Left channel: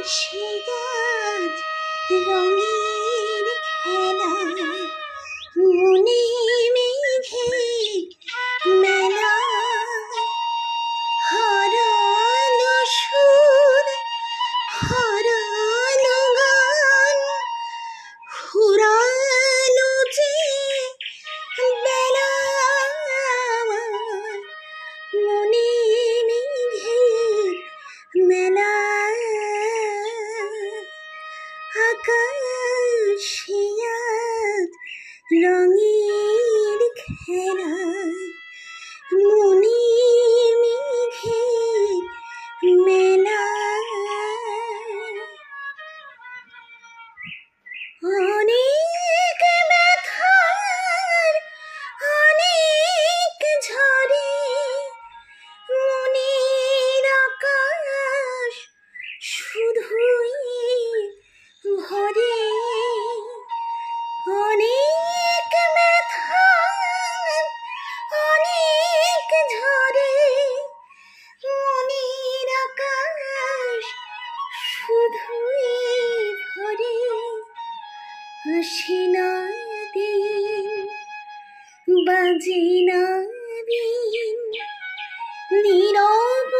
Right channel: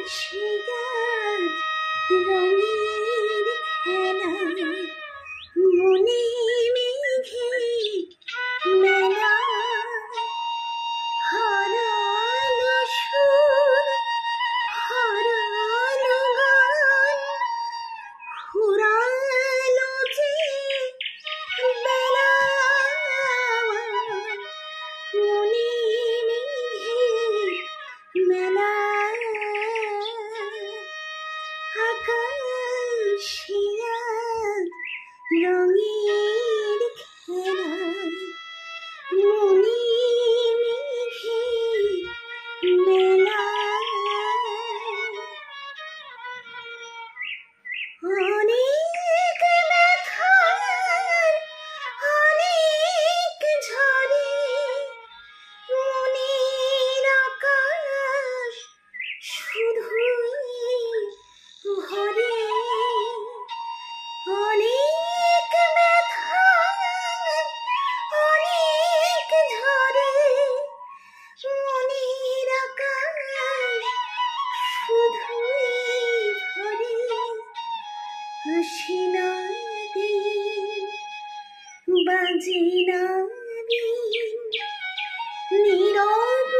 আকাশে আজ রঙের খেলা, মনে মেঘে মেলা, হারালো সুর হারালো গান, ফুরালো যে বেলা, মনে মেঘে মেলা, আকাশে আজ রঙের খেলা, মনে মেঘে মেলা। অনেক ব্যথার অনেক ঝড়ে মনের আকাশ শুধুই ভরে, অনেক ব্যথার অনেক ঝড়ে মনের আকাশ শুধুই ভরে, আসে না দিন বাজে না বিন, নীরব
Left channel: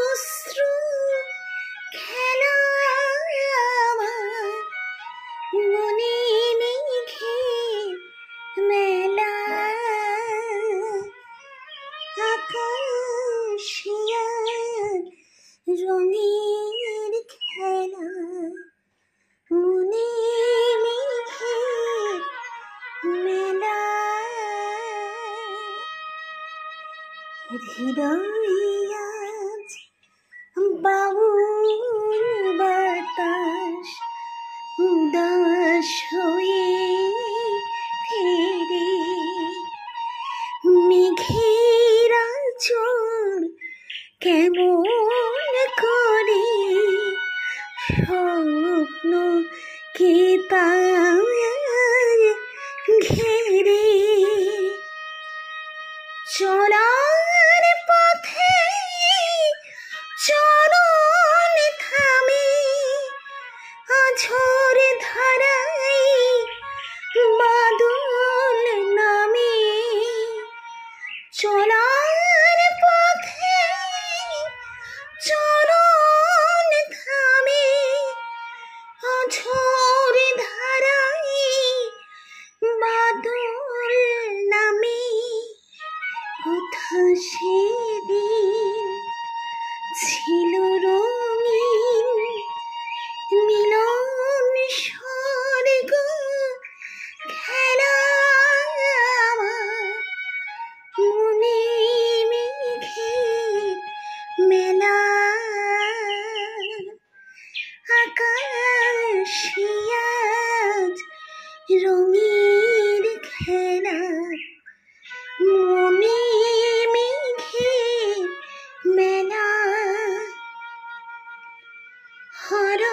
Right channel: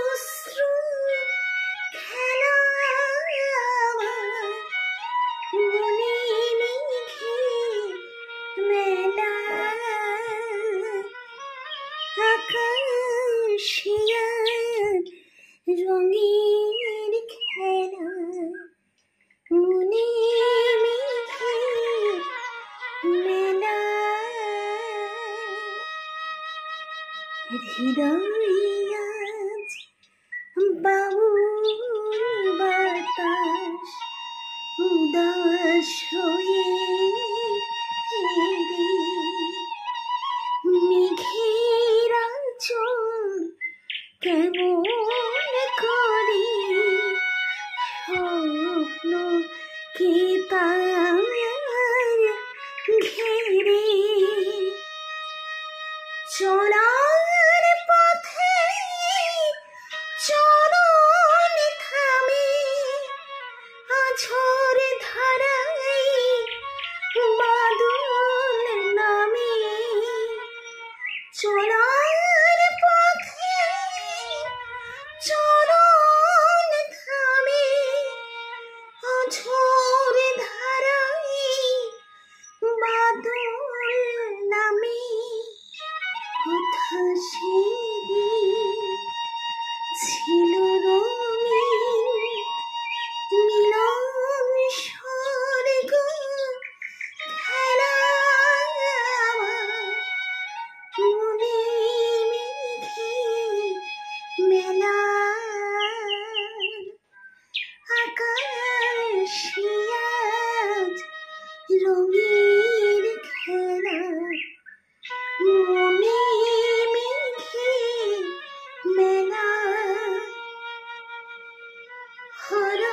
অশ্রু খেলা, মনে মেঘে মেলা, আকাশে আজ রঙের খেলা, মনে মেঘে মেলা। হৃদয়ে আজ বাউল বাতাস উদাস হয়ে ফেরে, মেঘের আঁচল কেমন করে স্বপ্ন কে তার ঘেরে, চলার পথে চরণ থামে, আঝোর ধারায় বাদল নামে, চলার পথে চরণ থামে, আঝোর ধারায় বাদল নামে, কোথা সেদিন ছিল রঙিন মিলন স্বর্গ খেলা, মনে মেঘে মেলা, আকাশে আজ রঙের খেলা, মনে মেঘে মেলা, হারা